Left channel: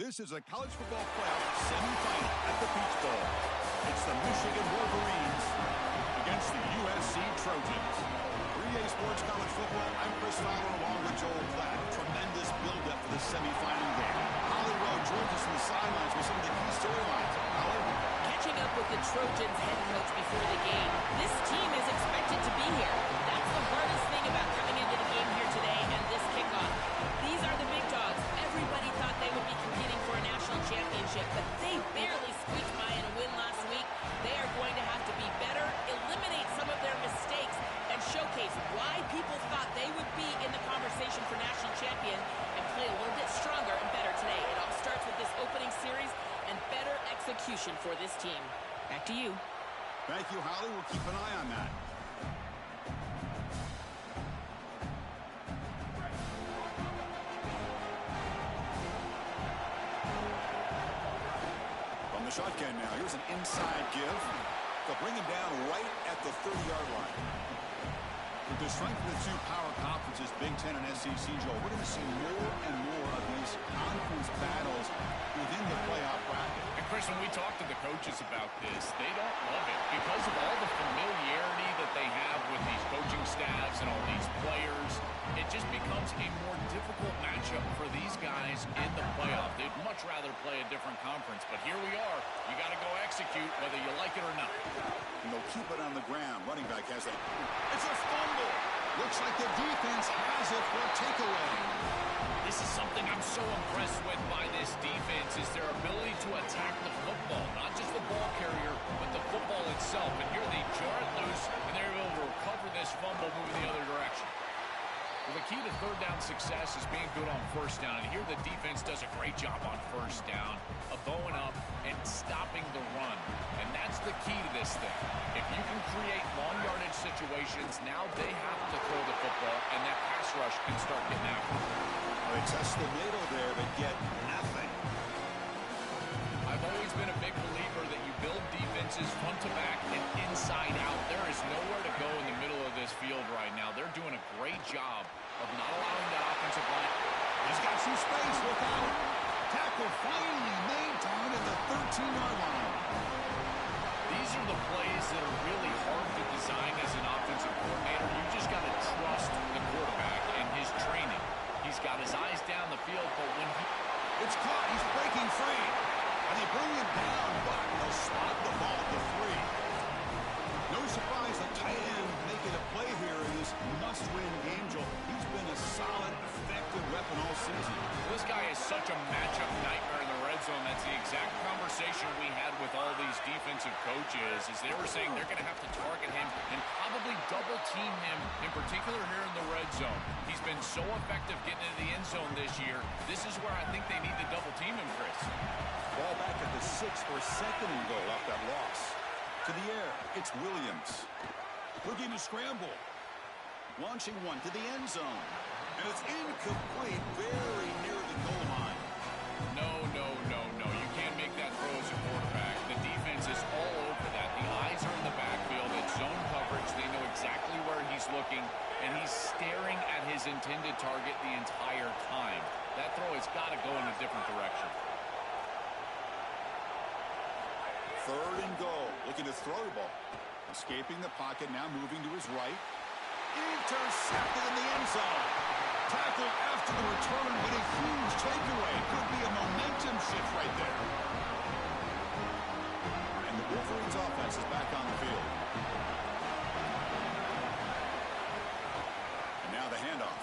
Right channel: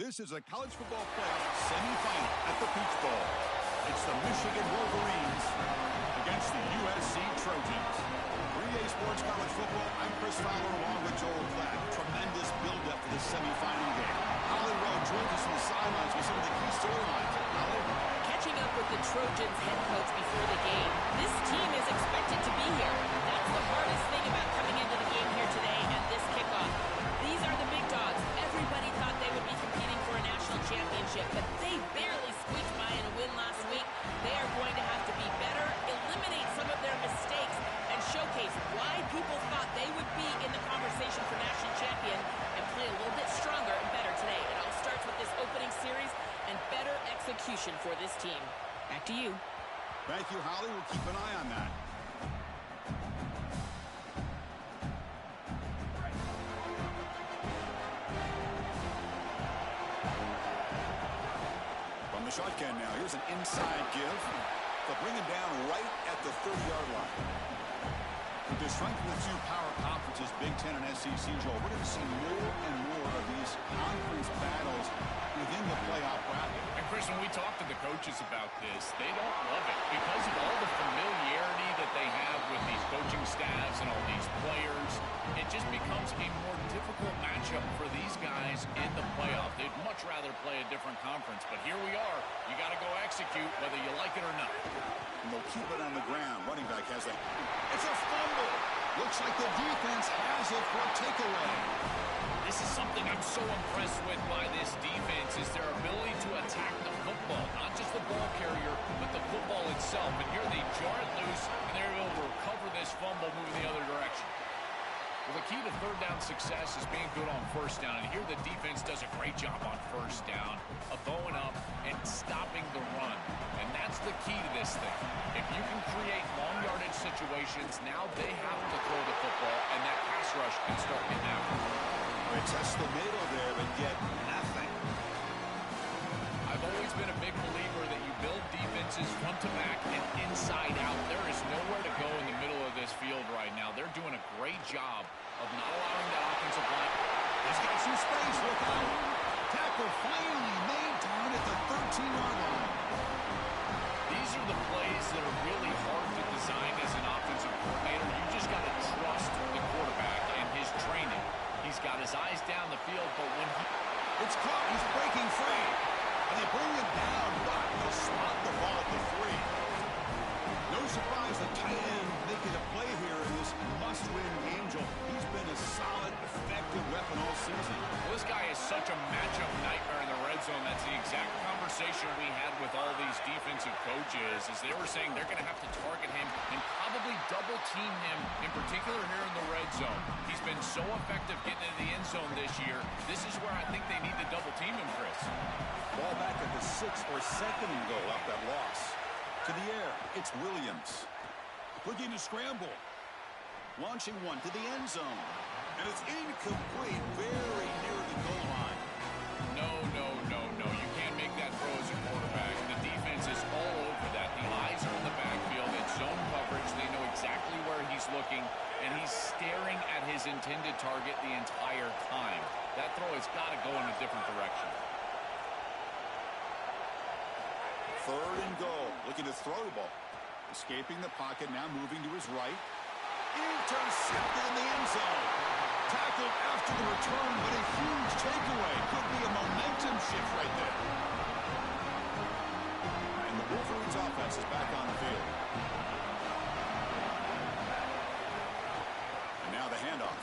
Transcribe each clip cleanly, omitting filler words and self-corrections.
This is a college football playoff semifinal at the Peach Bowl. It's the Michigan Wolverines against the USC Trojans. 3A Sports College Football, I'm Chris Fowler along with Joel Klatt. Tremendous build-up for the semifinal game. Holly Rowe joins us from the sidelines with some of the key storylines. Holly? Catching up with the Trojans head coach before the game, this team is expected to be here. That's the hardest thing about coming into the game here today and this kickoff. These are the big dogs. Everybody thought they would be competing for a national championship, but they barely squeaked by in a win last week. They are going to have to be better, eliminate some of their mistakes, and showcase why people thought they would be in the conversation for national champion and play a little bit stronger and better today. It all starts with this opening series and better execution for this team. Back to you. Thank you, Holly. We'll keep an eye on that. From the shotgun now, here's an inside give. They'll bring him down right at the 30-yard line. With the strength of the two power conferences, Big Ten and SEC, Joel, we're going to see more and more of these conference battles within the playoff bracket. And Chris, when we talk to the coaches about this, they don't love it because of all the familiarity that they have with these coaching staffs and all these players. It just becomes a more difficult matchup for these guys in the playoff. They'd much rather play a different conference, but here we are. You got to go execute whether you like it or not. And they'll keep it on the ground. Running back has a... It's a fumble. Looks like the defense has it for a takeaway. This is something I'm so impressed with by this defense is their ability to attack the football, not just the ball carrier, but the football itself. And here they jar it loose, and they're able to recover this fumble moving the other direction. Well, the key to third down success is being good on first down. And here the defense does a great job on first down of going up and stopping the run. And that's the key to this thing. If you can create long yardage situations, now they have to throw the football, and that pass rush can start getting after them. Well, they test the middle there, but get nothing. I've always been a big believer that you build defenses front to back and inside out. There is nowhere to go in the middle of this field right now. They're doing a great job of not allowing that offensive line. He's got some space. Look out. Tackle finally made down at the 13-yard line. These are the plays that are really hard to design as an offensive coordinator. You just got to trust the quarterback and his training. He's got his eyes down the field, but when he... It's caught. He's breaking free. And they bring him down, but they'll spot the ball at the 3. No surprise the tight end making a play here in this must-win game, Joel. He's been a solid, effective weapon all season. Well, this guy is such a matchup nightmare in the red zone. That's the exact conversation we had with all these defensive coaches, as they were saying they're going to have to target him and probably double-team him, in particular here in the red zone. He's been so effective getting into the end zone this year. This is where I think they need to double-team him, Chris. Ball back at the 6th or 2nd and goal off that loss. To the air, it's Williams. Looking to scramble. Launching one to the end zone. And it's incomplete, very near the goal line. No. You can't make that throw as a quarterback. The defense is all over that. The eyes are in the backfield. It's zone coverage. They know exactly where he's looking, and he's staring at his intended target the entire time. That throw has got to go in a different direction. 3rd and goal. Looking to throw the ball. Escaping the pocket, now moving to his right. Intercepted in the end zone. Tackled after the return, but a huge takeaway. Could be a momentum shift right there. And the Wolverines offense is back on the field. And now the handoff.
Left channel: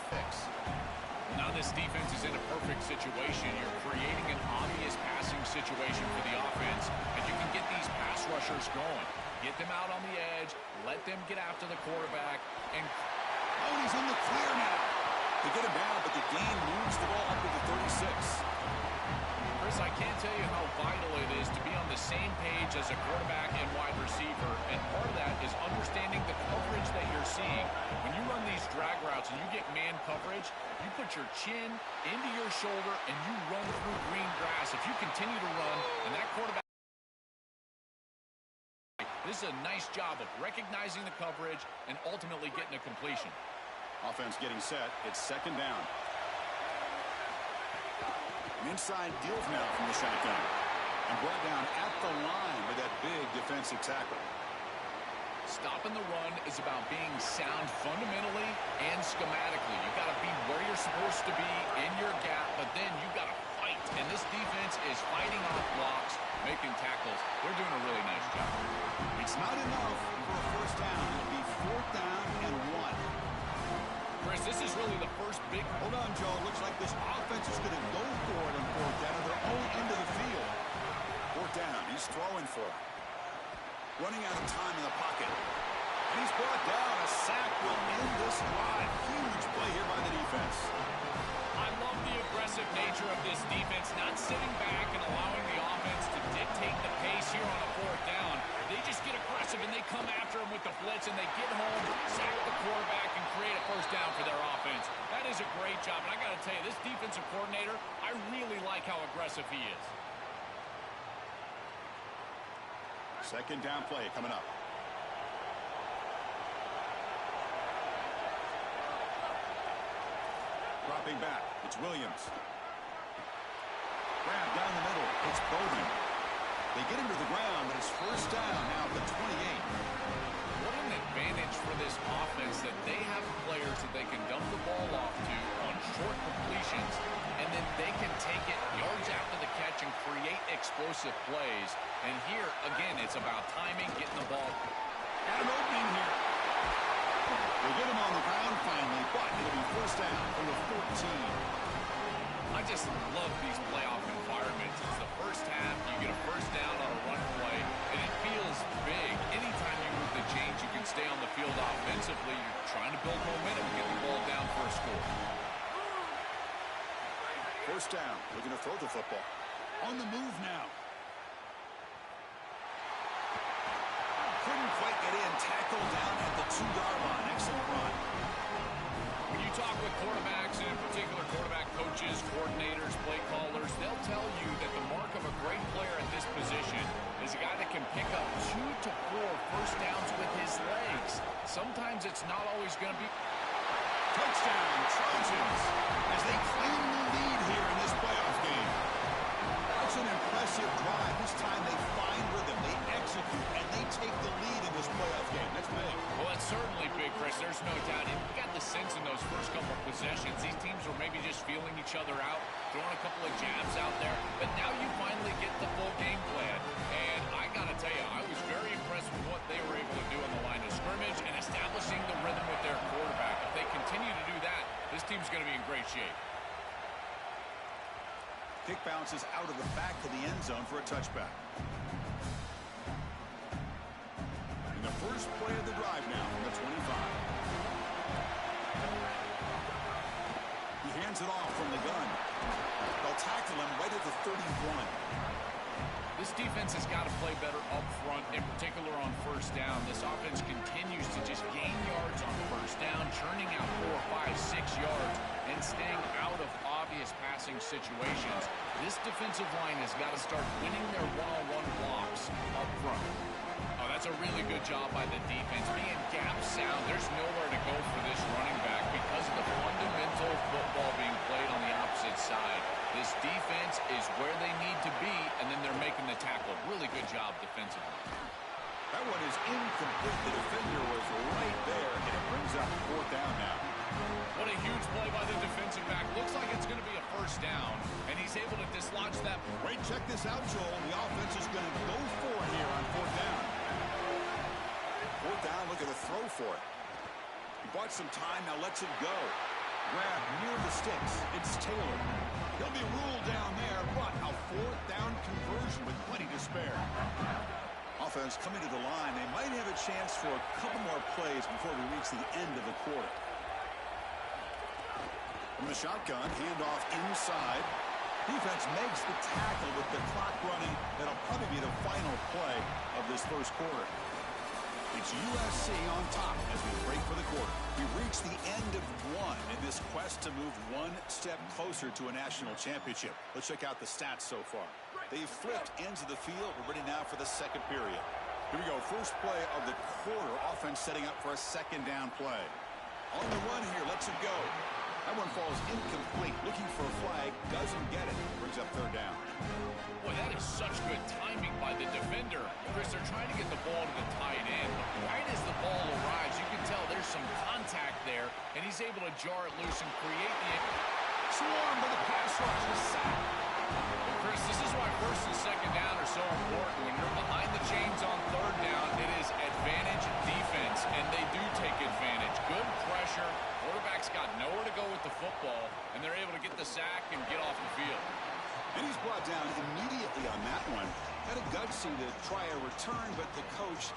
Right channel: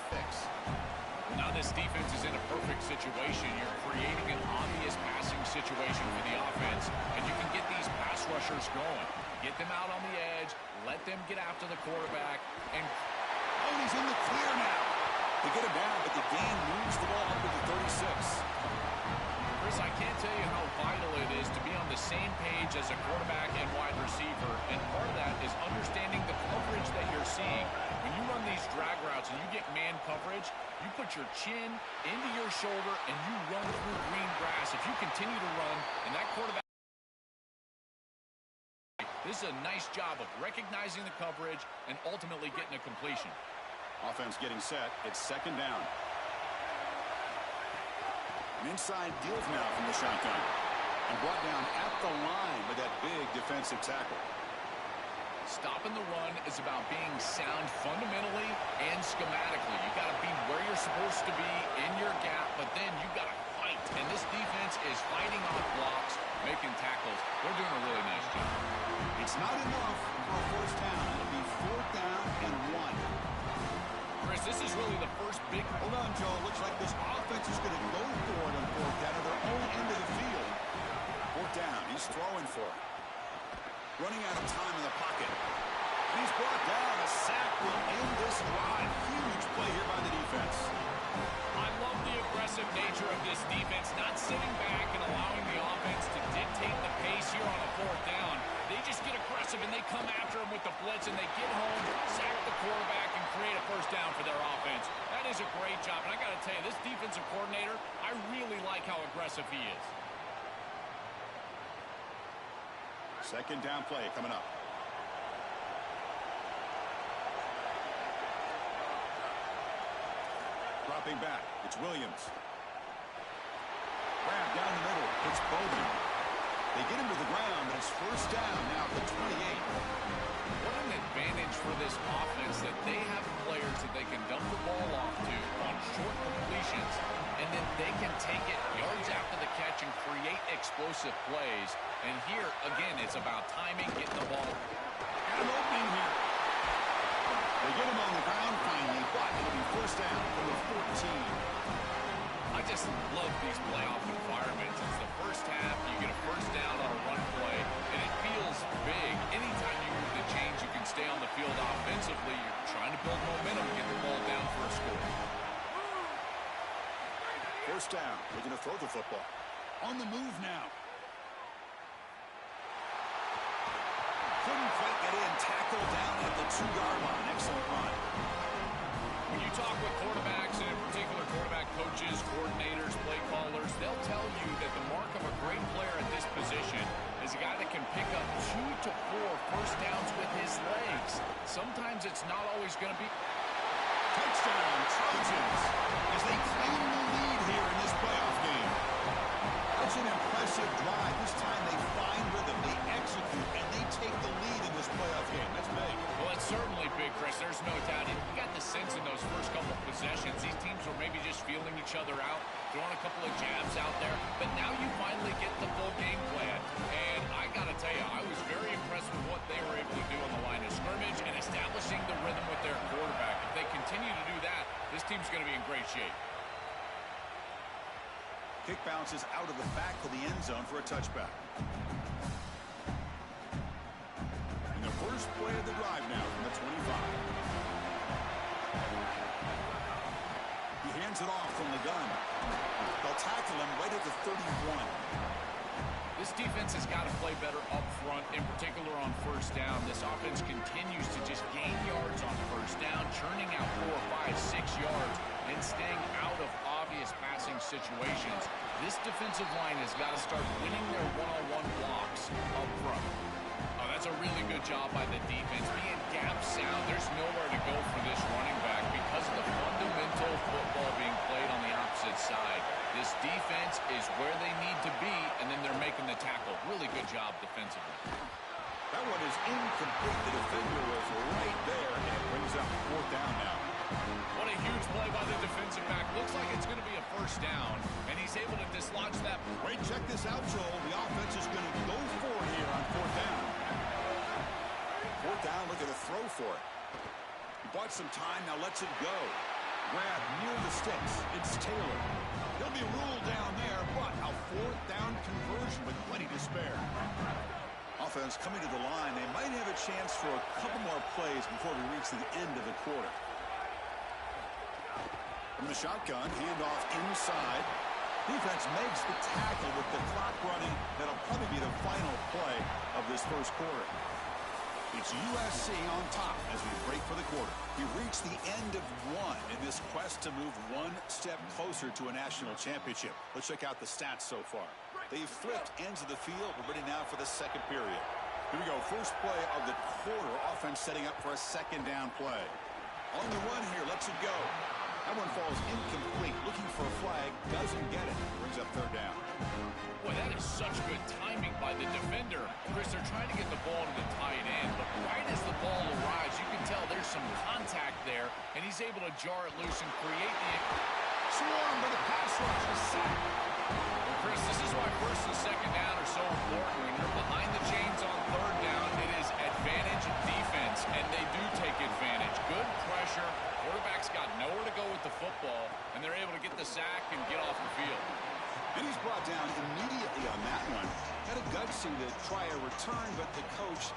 Now this defense is in a perfect situation. You're creating an obvious passing situation for the offense, and you can get these pass rushers going. Get them out on the edge, let them get after the quarterback, and... Oh, he's in the clear now. They get him down, but the gain moves the ball up to the 36. Chris, I can't tell you how vital it is to be on the same page as a quarterback and wide receiver, and part of that is understanding the coverage that you're seeing. When you run these drag routes and you get man coverage, you put your chin into your shoulder and you run through green grass. If you continue to run and that quarterback... This is a nice job of recognizing the coverage and ultimately getting a completion. Offense getting set. It's 2nd down. Inside deals now from the shotgun. And brought down at the line with that big defensive tackle. Stopping the run is about being sound fundamentally and schematically. You got to be where you're supposed to be in your gap, but then you got to fight. And this defense is fighting off blocks, making tackles. They're doing a really nice job. It's not enough for a first down. It'll be 4th down and 1. Chris, this is really the first big... Hold on, Joe. Looks like this offense is going to go for it on 4th down at their own end of the field. 4th down. He's throwing for it. Running out of time in the pocket. And he's brought down. A sack will end this drive. Huge play here by the defense. I love the aggressive nature of this defense, not sitting back and allowing the offense to dictate the pace here on a 4th down. They just get aggressive and they come after him with the blitz and they get home, sack the quarterback, and create a first down for their offense. That is a great job. And I got to tell you, this defensive coordinator, I really like how aggressive he is. 2nd down play coming up. Dropping back. It's Williams. Grab down the middle. It's Bowman. They get him to the ground, but it's first down now at the 28. What an advantage for this offense that they have players that they can dump the ball off to on short completions, and then they can take it yards after the catch and create explosive plays. And here, again, it's about timing, getting the ball. Got an opening here. They get him on the ground finally, but it'll be first down from the 14. I just love these playoff environments. It's the first half. You get a first down on a run play, and it feels big. Anytime you move the chains, you can stay on the field offensively. You're trying to build momentum, get the ball down for a score. First down, looking to throw the football. On the move now. Couldn't quite get in. Tackle down at the 2-yard line. Excellent run. When you talk with quarterbacks, and in particular quarterback coaches, coordinators, play callers, they'll tell you that the mark of a great player at this position is a guy that can pick up 2 to 4 first downs with his legs. Sometimes it's not always going to be... Touchdown, Trojans, as they claim the lead here in this playoff game. That's an impressive drive. This time they find rhythm, they execute, and they take the lead in this playoff game. That's big. Well, it's certainly big, Chris. There's no doubt. And you got the sense in those first couple of possessions, these teams were maybe just feeling each other out, throwing a couple of jabs out there. But now you finally get the full game plan. And I got to tell you, I was very impressed with what they were able to do on the line of scrimmage and establishing the rhythm with their quarterback. If they continue to do that, this team's going to be in great shape. Kick bounces out of the back of the end zone for a touchback. In the first play of the drive now from the 25. He hands it off from the gun. They'll tackle him right at the 31. This defense has got to play better up front, in particular on first down. This offense continues to just gain yards on first down, churning out 4, 5, 6 yards, and staying out of obvious passing situations. This defensive line has got to start winning their one-on-one blocks up front. Oh, that's a really good job by the defense. Being gap sound, there's nowhere to go for this running back because of the fundamental football being played on the opposite side. This defense is where they need to be, and then they're making the tackle. Really good job defensively. That one is incomplete. The defender was right there, and it brings up 4th down now. What a huge play by the defensive back. Looks like it's going to be a first down, and he's able to dislodge that. Great, check this out, Joel. The offense is going to go for it here on 4th down. 4th down, look at a throw for it. He bought some time, now lets it go. Grab near the sticks. It's Taylor. He'll be ruled down there, but a 4th down conversion with plenty to spare. Offense coming to the line. They might have a chance for a couple more plays before we reach the end of the quarter. From the shotgun, handoff inside. Defense makes the tackle with the clock running. That'll probably be the final play of this first quarter. It's USC on top as we break for the quarter. We've reached the end of one in this quest to move one step closer to a national championship. Let's check out the stats so far. They've flipped ends of the field. We're ready now for the second period. Here we go. First play of the quarter. Offense setting up for a second down play. On the run here. Lets it go. That one falls incomplete. Looking for a flag. Doesn't get it. Brings up third down. Boy, that is such good timing by the defender. Chris, they're trying to get the ball to the tight end, but right as the ball arrives, you can tell there's some contact there, and he's able to jar it loose and create the... Swarmed by the pass rush. A sack. Well, Chris, this is why first and second down are so important. When you're behind the chains on third down, it is advantage defense, and they do take advantage. Good pressure. Quarterback's got nowhere to go with the football, and they're able to get the sack and get off the field. And he's brought down immediately on that one. Kind of gutsy to try a return, but the coach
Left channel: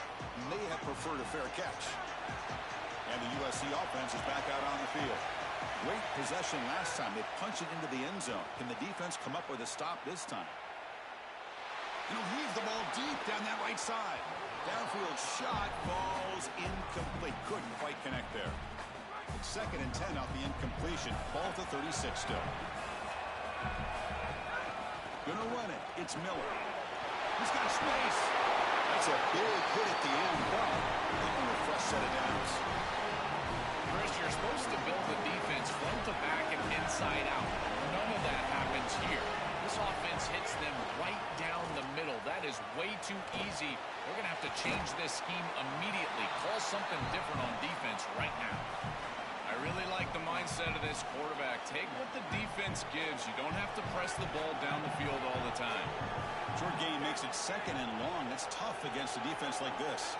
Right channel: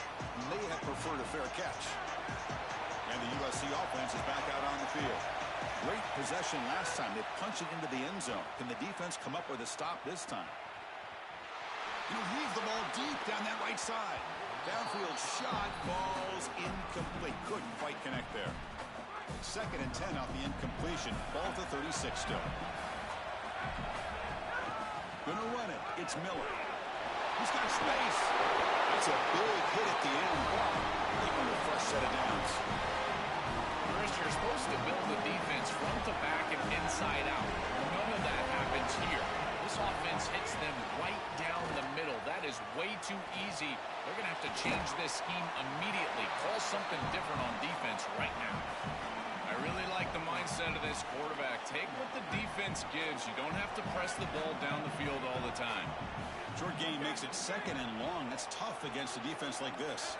may have preferred a fair catch. And the USC offense is back out on the field. Great possession last time. They punched it into the end zone. Can the defense come up with a stop this time? And he'll heave the ball deep down that right side. Downfield shot falls incomplete. Couldn't quite connect there. Second and 10 off the incompletion. Ball to 36 still. Gonna run it. It's Miller. He's got space. That's a big hit at the end, but they earn a fresh set of downs. Chris, you're supposed to build the defense front to back and inside out. None of that happens here. This offense hits them right down the middle. That is way too easy. They're going to have to change this scheme immediately. Call something different on defense right now. I really like the mindset of this quarterback. Take what the defense gives. You don't have to press the ball down the field all the time. Short game makes it second and long. That's tough against a defense like this.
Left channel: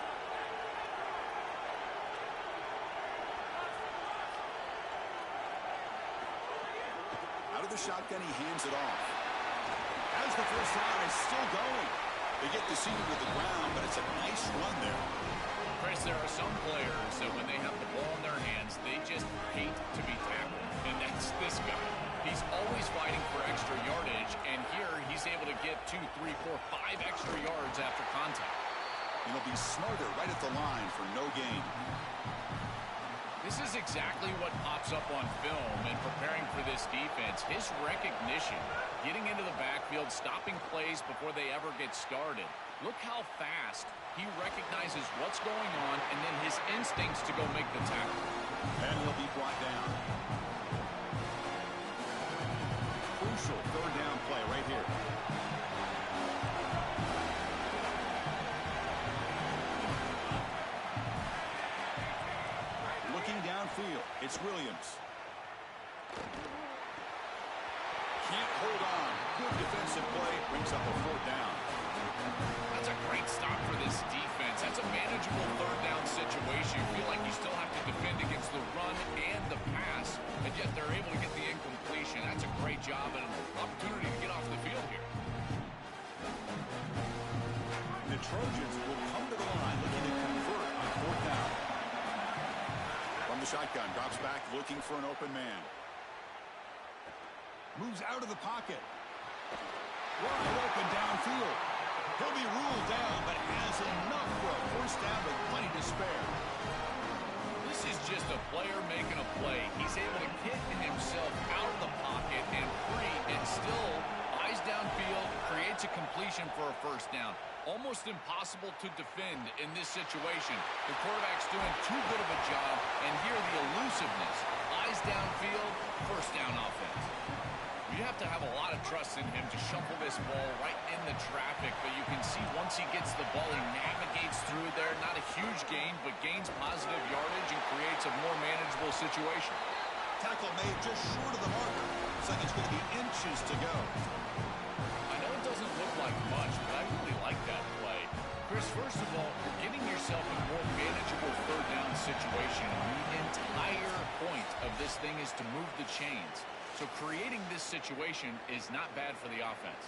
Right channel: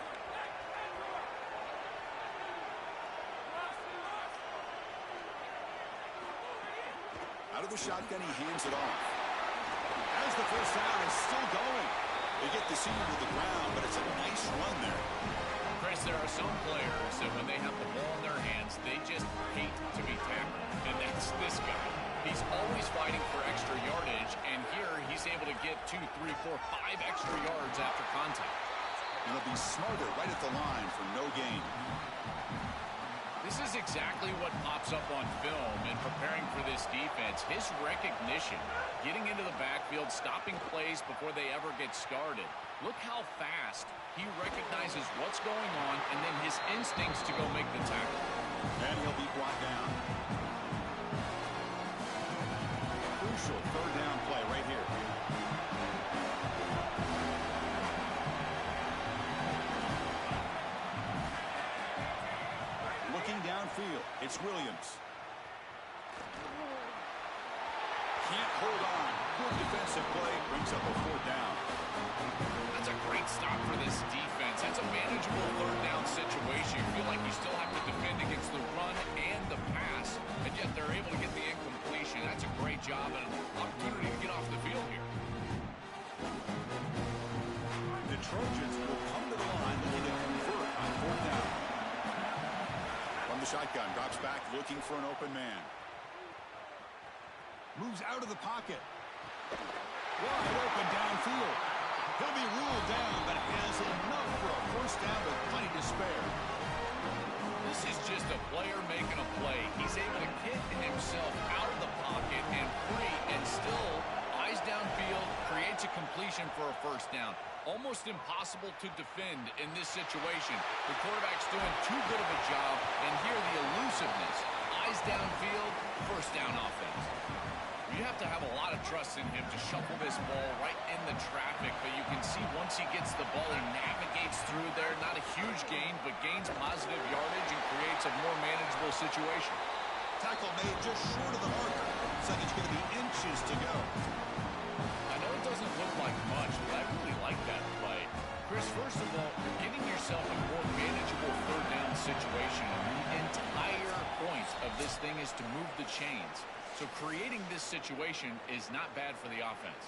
Out of the shotgun, he hands it off. As the first down is still going. They get the senior to the ground, but it's a nice run there. Chris, there are some players that when they have the ball in their hands, they just hate to be tackled. And that's this guy. He's always fighting for extra yardage, and here he's able to get 2, 3, 4, 5 extra yards after contact. And he'll be smarter right at the line for no gain. This is exactly what pops up on film in preparing for this defense. His recognition, getting into the backfield, stopping plays before they ever get started. Look how fast he recognizes what's going on and then his instincts to go make the tackle. And he'll be brought down. Crucial third down play right here. Looking downfield, it's Williams. Can't hold on. Good defensive play. Brings up a fourth down. That's a great stop for this defense. That's a manageable third down situation. You feel like you still have to defend against the run and the pass, and yet they're able to get the incompletion. That's a great job and an opportunity to get off the field here. The Trojans will come to the line looking to convert on fourth down. From the shotgun, drops back looking for an open man. Moves out of the pocket. Wide open downfield. He'll be ruled down, but has enough for a first down with plenty to spare. This is just a player making a play. He's able to get himself out of the pocket and free and still eyes downfield, creates a completion for a first down. Almost impossible to defend in this situation. The quarterback's doing too good of a job, and here the elusiveness. Eyes downfield, first down offense. You have to have a lot of trust in him to shuffle this ball right in the traffic, but you can see once he gets the ball, he navigates through there. Not a huge gain, but gains positive yardage and creates a more manageable situation. Tackle made just short of the marker. Looks like it's going to be inches to go. I know it doesn't look like much, but I really like that play. Chris, first of all, you're getting yourself a more manageable third down situation. The entire point of this thing is to move the chains. So creating this situation is not bad for the offense.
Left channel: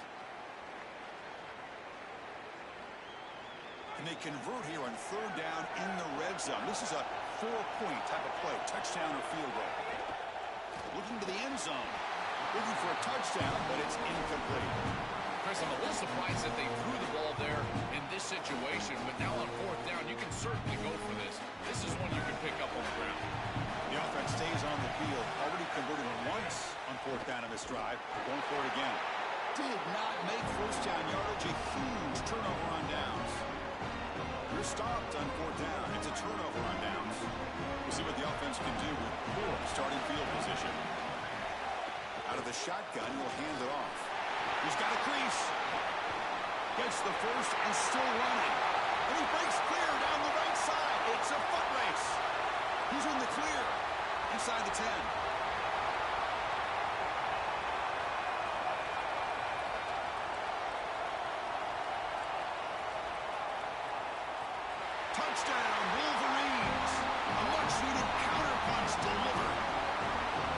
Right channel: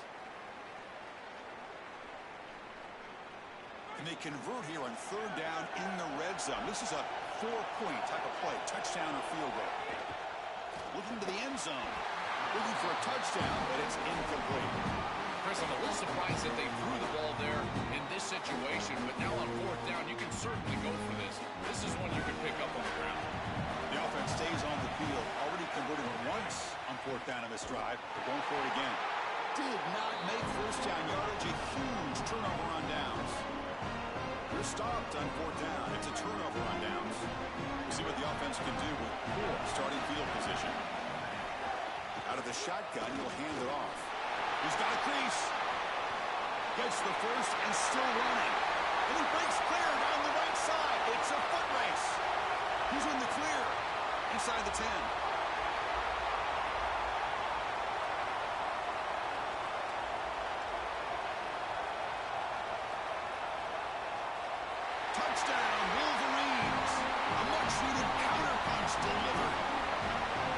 And they convert here on third down in the red zone. This is a 4-point type of play, touchdown or field goal. Looking to the end zone. Looking for a touchdown, but it's incomplete. Chris, I'm a little surprised that they threw the ball there in this situation, but now on fourth down, you can certainly go for this. This is one you can pick up on the ground. The offense stays on the field. Already converted once on fourth down in this drive. They're going for it again. Did not make first down yardage. A huge turnover on downs. They're stopped on fourth down. It's a turnover on downs. We'll see what the offense can do with poor starting field position. Out of the shotgun, he'll hand it off. He's got a crease. Gets the first and still running. And he breaks clear down the right side. It's a foot race. He's in the clear inside the 10. Touchdown, Wolverines. A much-needed counterpunch delivered.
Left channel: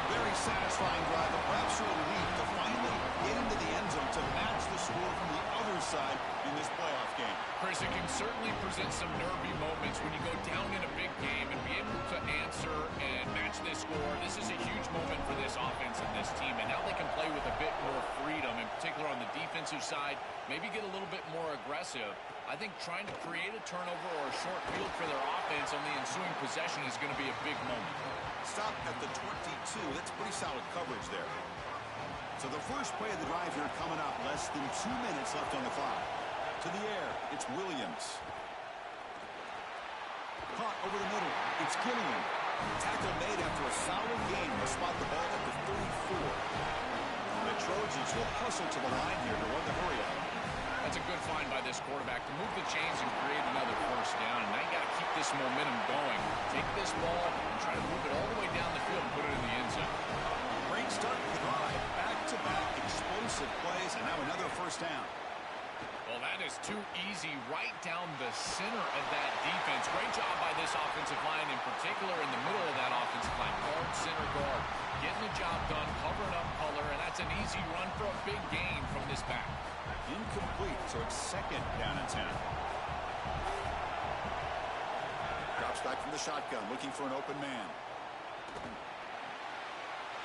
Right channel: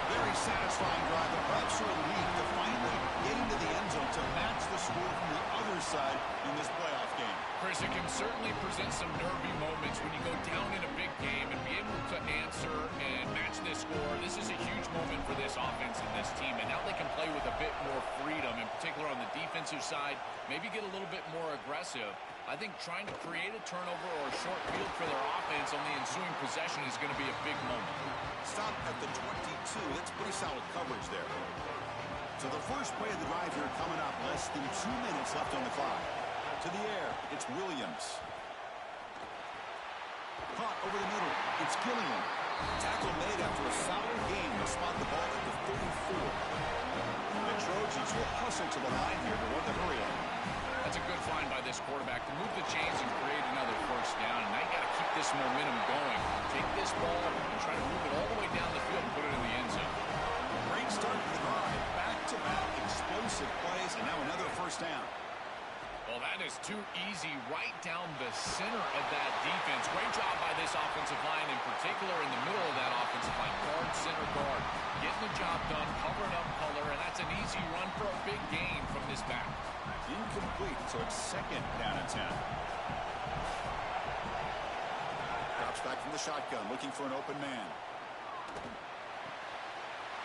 Very satisfying drive, but perhaps a relief to finally get into the end zone to match the score from the other side in this playoff game. Chris, it can certainly present some nervy moments when you go down in a big game and be able to answer and match this score. This is a huge moment for this offense and this team, and now they can play with a bit more freedom, in particular on the defensive side, maybe get a little bit more aggressive. I think trying to create a turnover or a short field for their offense on the ensuing possession is going to be a big moment. Stop at the 22. That's pretty solid coverage there. So the first play of the drive here coming up. Less than 2 minutes left on the clock. To the air, it's Williams. Caught over the middle. It's Gilliam. Tackle made after a solid gain. They'll spot the ball at the 34. The Trojans will hustle to the line here to run the hurry up. That's a good find by this quarterback to move the chains and create another first down. And now you got to keep this momentum going. Take this ball and try to move it all the way down the field and put it in the end zone. Great start to the drive. Back-to-back explosive plays, and now another first down. Well, that is too easy right down the center of that defense. Great job by this offensive line, in particular in the middle of that offensive line. Guard, center, guard. Getting the job done, covering up color, and that's an easy run for a big gain from this back. Incomplete, so it's second down and 10. Drops back from the shotgun, looking for an open man.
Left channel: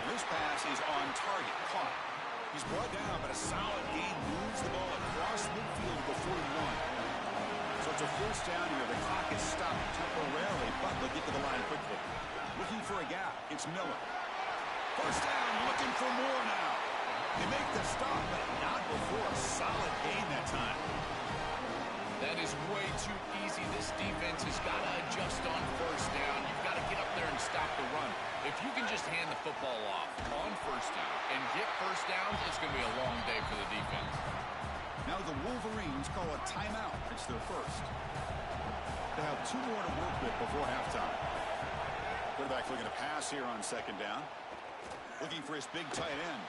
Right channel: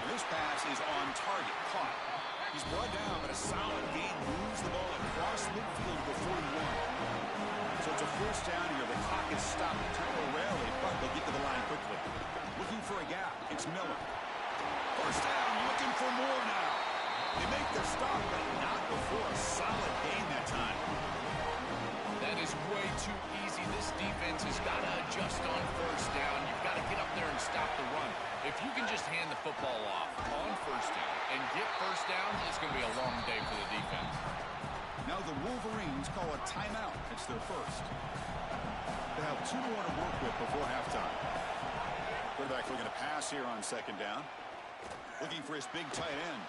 And this pass is on target, caught. He's brought down, but a solid gain moves the ball across midfield to the 41. So it's a first down here. The clock is stopped temporarily, but they'll get to the line quickly. Looking for a gap, it's Miller. First down, looking for more now. They make the stop, but not before a solid gain that time. That is way too easy. This defense has got to adjust on first down. You've got to get up there and stop the run. If you can just hand the football off on first down and get first down, it's going to be a long day for the defense. Now the Wolverines call a timeout. It's their first. They have 2 more to work with before halftime. Quarterback looking to pass here on second down. Looking for his big tight end.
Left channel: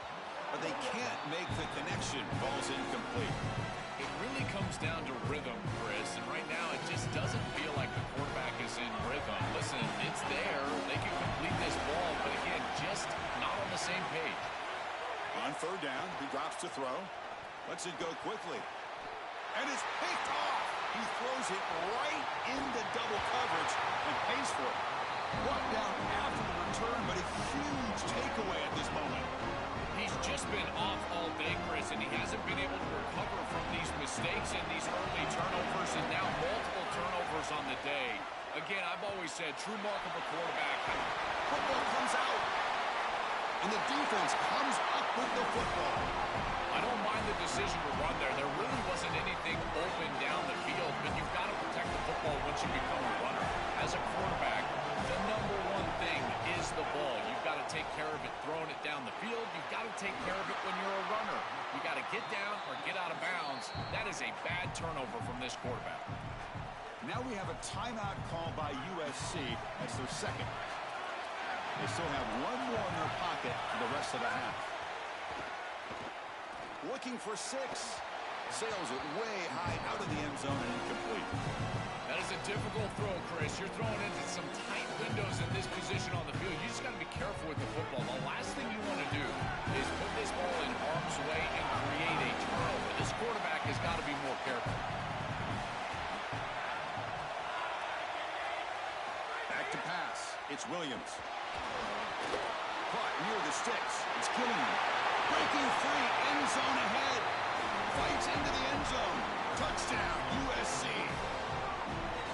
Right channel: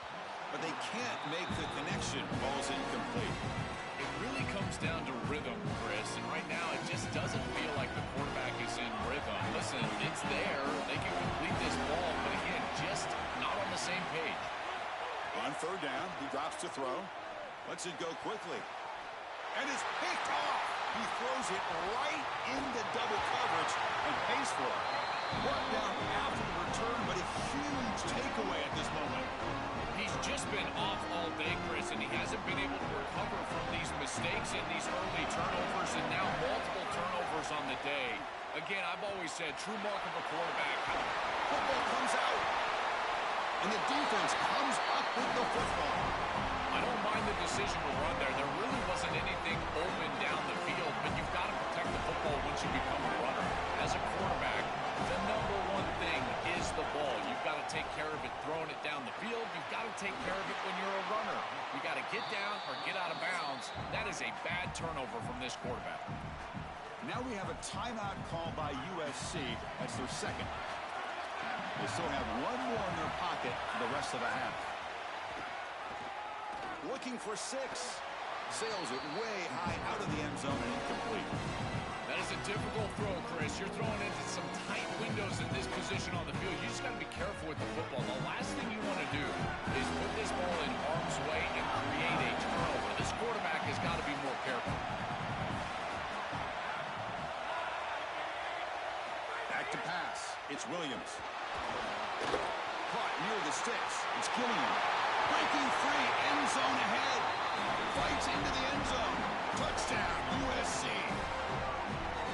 But they can't make the connection. Ball's incomplete. It really comes down to rhythm, Chris, and right now it just doesn't feel like the quarterback is in rhythm. Listen, it's there. They can complete this ball, but again, just not on the same page. On third down, he drops to throw. Lets it go quickly. And it's picked off. He throws it right into double coverage and pays for it. Brought down after the return, but a huge takeaway at this moment. He's just been off all day, Chris, and he hasn't been able to recover from these mistakes and these early turnovers, and now multiple turnovers on the day. Again, I've always said, true mark of a quarterback. Football comes out, and the defense comes up with the football. I don't mind the decision to run there. There really wasn't anything open down the field, but you've got to protect the football once you become a runner. As a quarterback, the number one thing is the ball. You've got to take care of it throwing it down the field. You've got to take care of it when you're a runner. You got to get down or get out of bounds. That is a bad turnover from this quarterback. Now we have a timeout call by USC. That's their second. They still have 1 more in their pocket for the rest of the half. Looking for 6. Sails it way high out of the end zone and incomplete. That is a difficult throw, Chris. You're throwing into some tight windows in this position on the field. You just got to be careful with the football. The last thing you want to do is put this ball in harm's way and create a turnover. This quarterback has got to be more careful. Back to pass. It's Williams. Caught near the sticks. It's Gilliam. Breaking free. End zone ahead. Fights into the end zone. Touchdown, USC.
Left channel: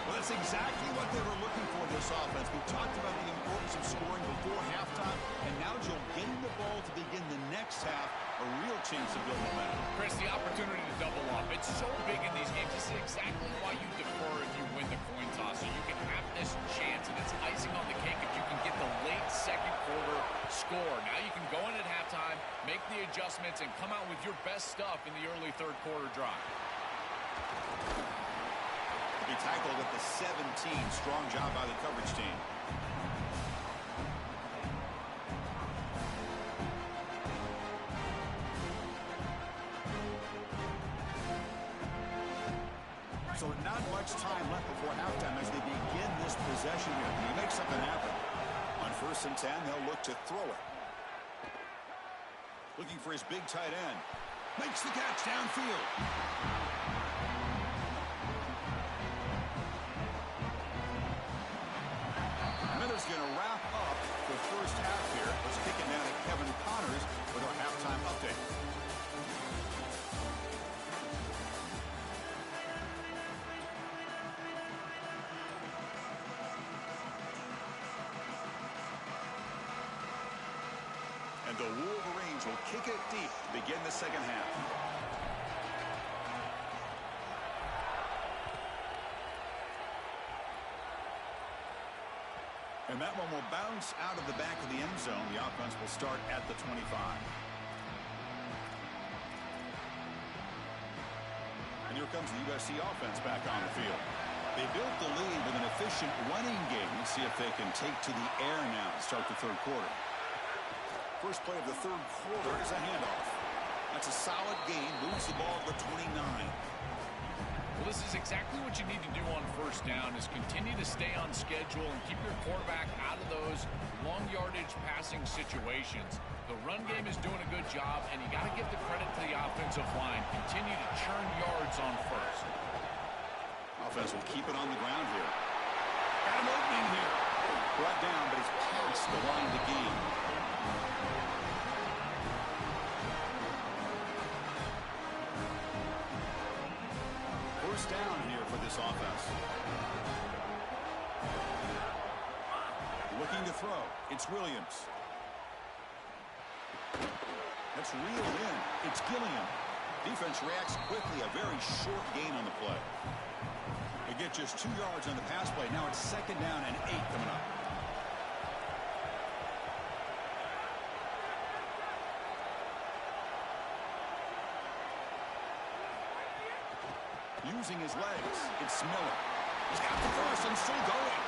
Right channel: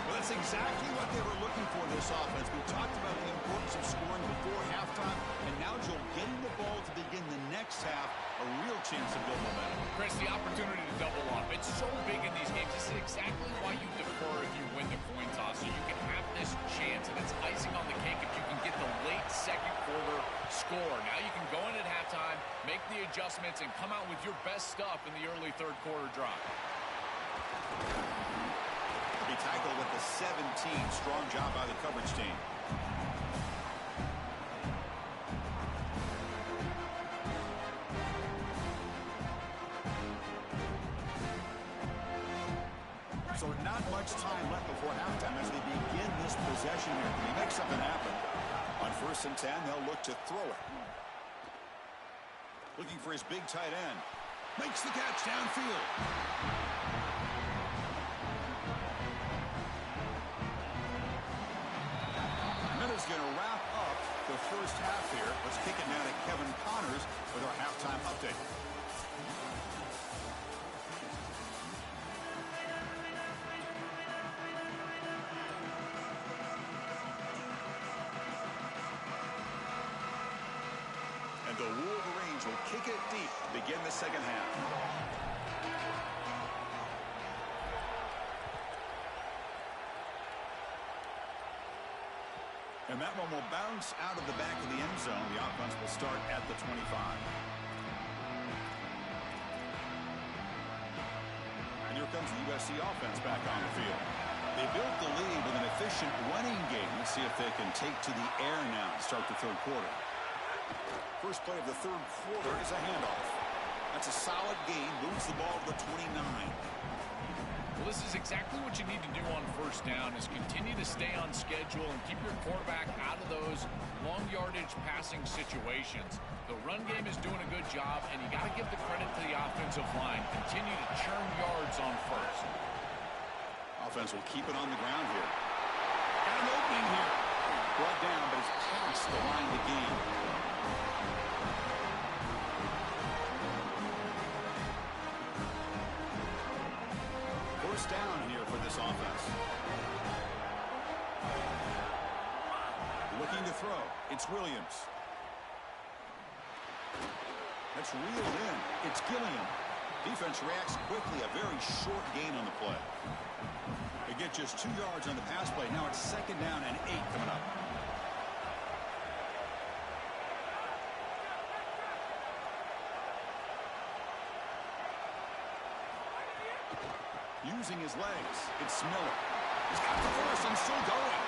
Well, that's exactly what they were looking for this offense. We talked about the importance of scoring before halftime, and now, Joel, getting the ball to begin the next half, a real chance to build momentum. Chris, the opportunity to double up. It's so big in these games. This is exactly why you defer if you win the coin toss, so you can have this chance, and it's icing on the cake if you can get the late second quarter score. Now you can go in at halftime time, make the adjustments, and come out with your best stuff in the early third quarter drive. He tackled at the 17. Strong job by the coverage team. So not much time left before halftime as they begin this possession here. Can he make something happen? On 1st and 10, they'll look to throw it. Looking for his big tight end. Makes the catch downfield. And that is going to wrap up the first half here. Let's kick it now to Kevin Connors with our halftime update. The Wolverines will kick it deep to begin the second half. And that one will bounce out of the back of the end zone. The offense will start at the 25. And here comes the USC offense back on the field. They built the lead with an efficient running game. Let's see if they can take to the air now and start the third quarter. First play of the third quarter is a handoff. That's a solid gain. Moves the ball to the 29. Well, this is exactly what you need to do on first down is continue to stay on schedule and keep your quarterback out of those long yardage passing situations. The run game is doing a good job, and you got to give the credit to the offensive line. Continue to churn yards on first. Offense will keep it on the ground here. Got an opening here. Brought down, but it's past the line to gain. First down here for this offense. Looking to throw. It's Williams. That's reeled in. It's Gilliam. Defense reacts quickly. A very short gain on the play. They get just 2 yards on the pass play. Now it's 2nd down and 8 coming up. Using his legs, it's Miller. He's got the first and still going.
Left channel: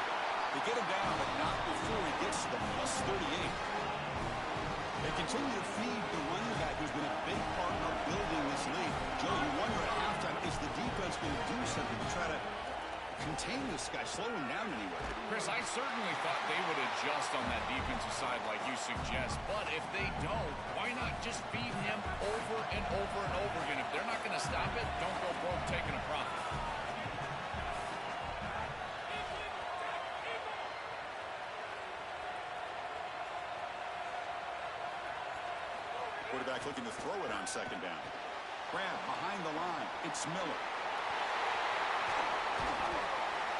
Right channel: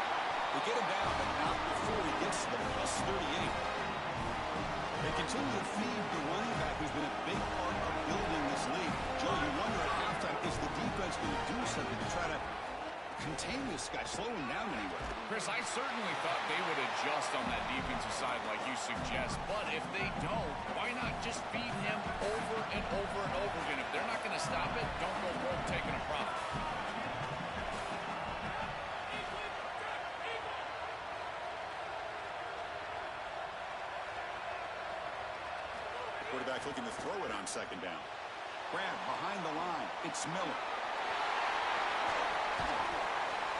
They get him down, but not before he gets to the plus 38. They continue to feed the running back, who's been a big part of building this lead. Joe, you wonder at halftime, is the defense going to do something to try to contain this guy, slow him down anyway? Chris, I certainly thought they would adjust on that defensive side like you suggest, but if they don't, why not just feed him over and over and over again? If they're not going to stop it, don't go broke taking a profit. Quarterback looking to throw it on 2nd down. Grab behind the line. It's Miller.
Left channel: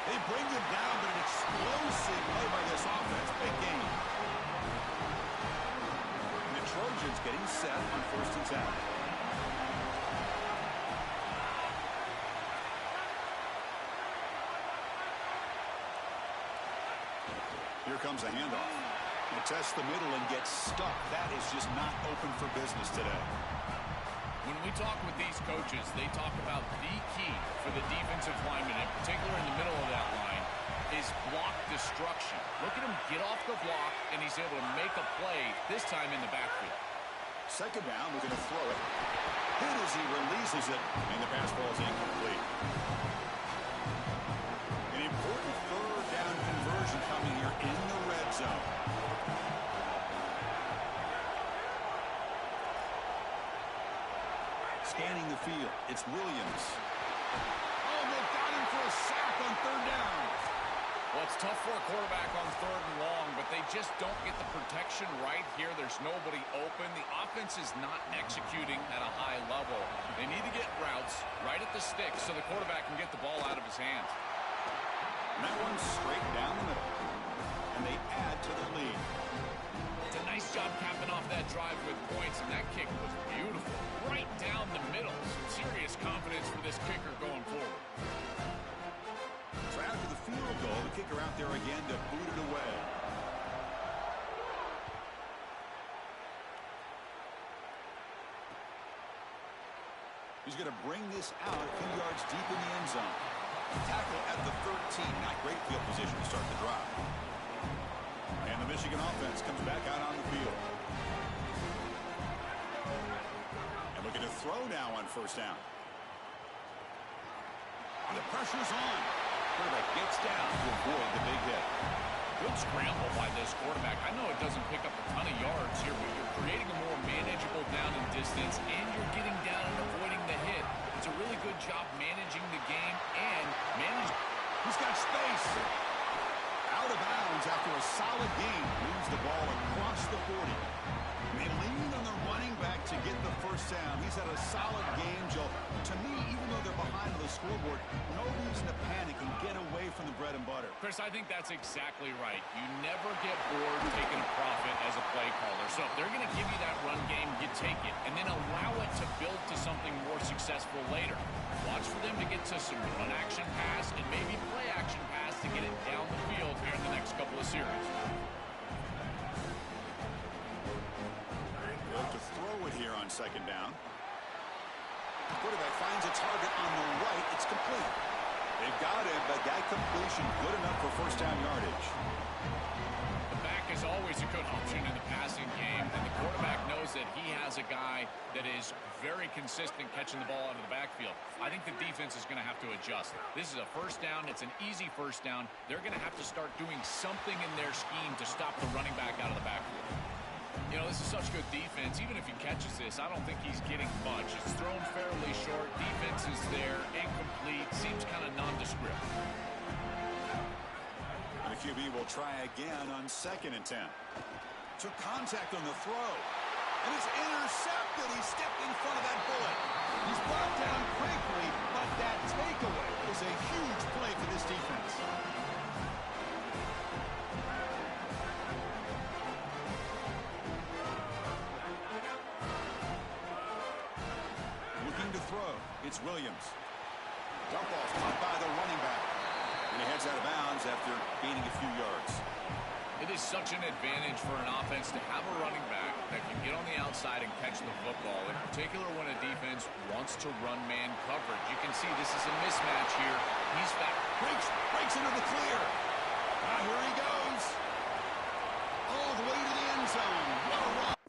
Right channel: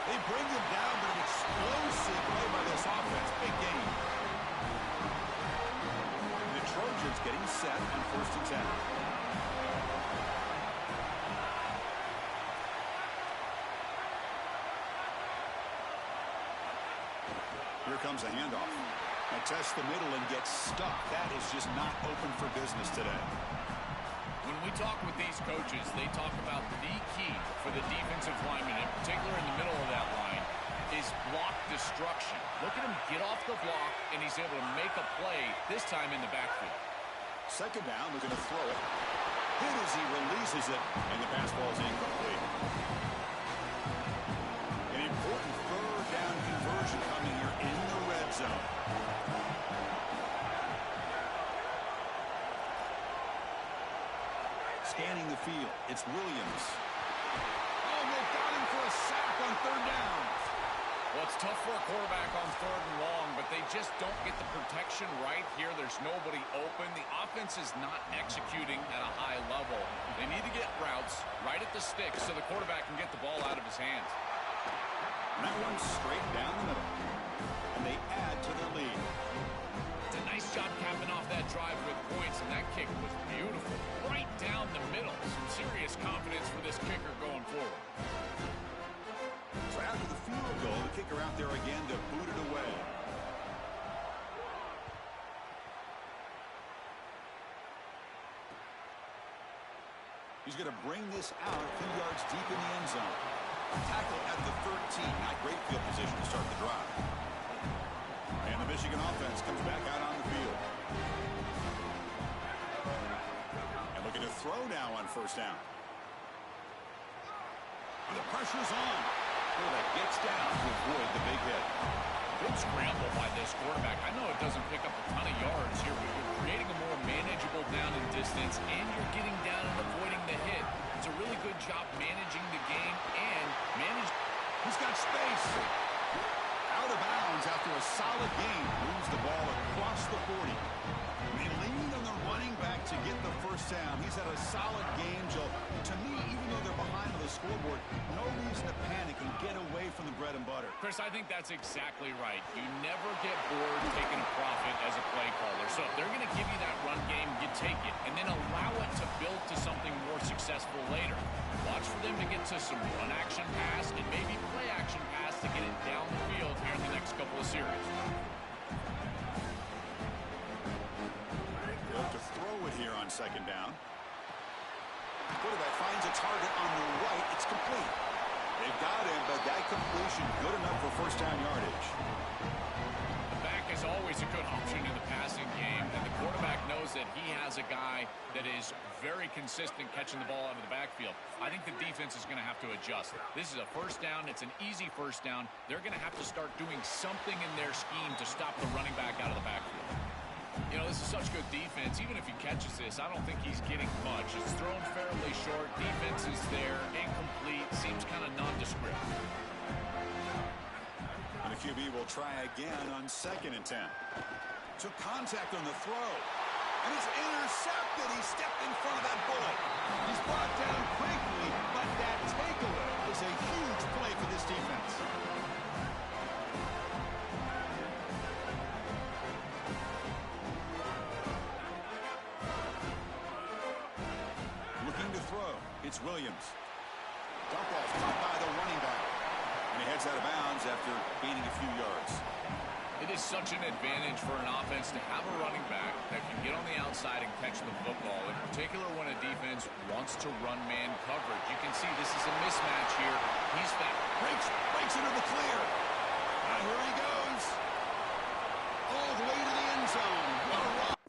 They bring him down, but an explosive play by this offense. Big game. And the Trojans getting set on 1st and 10. Here comes a handoff. They test the middle and get stuck. That is just not open for business today. When we talk with these coaches, they talk about the key for the defensive lineman, in particular in the middle of that line, is block destruction. Look at him get off the block, and he's able to make a play, this time in the backfield. 2nd down, looking to throw it. Hit as he releases it, and the pass ball is incomplete. An important 3rd down conversion coming here in the red zone. Scanning the field, it's Williams. Oh, they've got him for a sack on 3rd down. Well, it's tough for a quarterback on 3rd and long, but they just don't get the protection right here. There's nobody open. The offense is not executing at a high level. They need to get routes right at the stick so the quarterback can get the ball out of his hands. And that one's straight down the middle. And they add to their lead. It's a nice job capping off that drive with points, and that kick was beautiful. Right down the middle. Some serious confidence for this kicker going forward. So after the field goal, the kicker out there again to boot it away. He's going to bring this out a few yards deep in the end zone. Tackle at the 13. Not great field position to start the drive. And the Michigan offense comes back out on the field. And looking to throw now on first down. And the pressure's on. Quarterback gets down to avoid the big hit. Good scramble by this quarterback. I know it doesn't pick up a ton of yards here, but you're creating a more manageable down and distance, and you're getting down and avoiding the hit. It's a really good job managing the game and manage. He's got space. Out of bounds after a solid game. Moves the ball across the 40. They lean on the running back to get the first down. He's had a solid game, Joe. To me, even though they're behind on the scoreboard, no reason to panic and get away from the bread and butter. Chris, I think that's exactly right. You never get bored taking a profit as a play caller. So if they're going to give you that run game, you take it, and then allow it to build to something more successful later. Watch for them to get to some run action pass and maybe play action pass to get it down the field here in the next couple of series. To throw it here on second down. Quarterback finds a target on the right. It's complete. They've got him, but that completion good enough for first down yardage. The back is always a good option in the passing game, and the quarterback knows that he has a guy that is very consistent catching the ball out of the backfield. I think the defense is going to have to adjust. This is a first down. It's an easy first down. They're going to have to start doing something in their scheme to stop the running back out of the backfield. You know, this is such good defense. Even if he catches this, I don't think he's getting much. It's thrown fairly short. Defense is there. Incomplete. Seems kind of nondescript. And the QB will try again on 2nd and 10. Took contact on the throw. And it's intercepted. He stepped in front of that bullet. He's brought down quickly, but that takeaway is a huge play for this defense. Looking to throw. It's Williams. Dump ball's caught by the running back. And he heads out of bounds after gaining a few yards. It is such an advantage for an offense to have a running back that can get on the outside and catch the football, in particular when a defense wants to run man coverage. You can see this is a mismatch here. He's back. Breaks into the clear. Now here he goes. All the way to the end zone. What a run.